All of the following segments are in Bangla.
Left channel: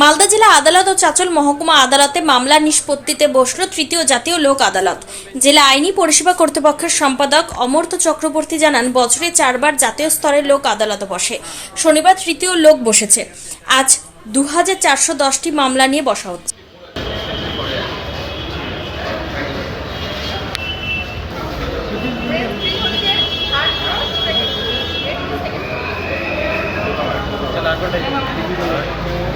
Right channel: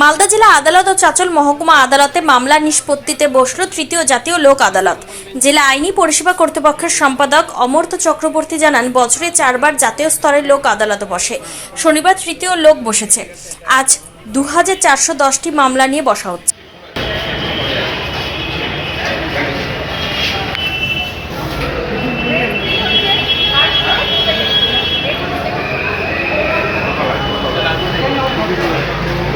মালদা জেলা আদালত ও চাচল মহকুমা আদালতে মামলা নিষ্পত্তিতে বসল তৃতীয় জাতীয় লোক আদালত। জেলা আইনি পরিষেবা কর্তৃপক্ষের সম্পাদক অমর্ত চক্রবর্তী জানান, বছরে চারবার জাতীয় স্তরের লোক আদালত বসে। শনিবার তৃতীয় লোক বসেছে। আজ দু মামলা নিয়ে বসা হচ্ছে।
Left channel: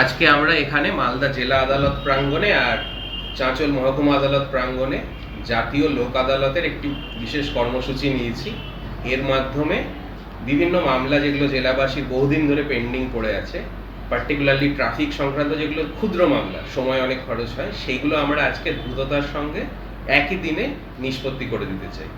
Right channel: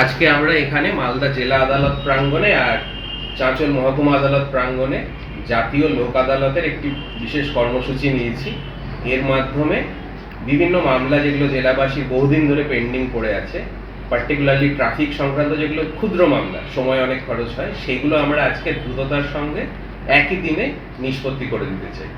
আজকে আমরা এখানে মালদা জেলা আদালত প্রাঙ্গণে আর চাঁচল মহকুমা আদালত প্রাঙ্গণে জাতীয় লোক আদালতের একটি বিশেষ কর্মসূচি নিয়েছি। এর মাধ্যমে বিভিন্ন মামলা যেগুলো জেলাবাসীর বহুদিন ধরে পেন্ডিং পড়ে আছে পার্টিকুলারলি ট্রাফিক সংক্রান্ত যেগুলো ক্ষুদ্র মামলা, সময় অনেক খরচ হয়, সেগুলো আমরা আজকে দ্রুততার সঙ্গে একই দিনে নিষ্পত্তি করে দিতে চাই।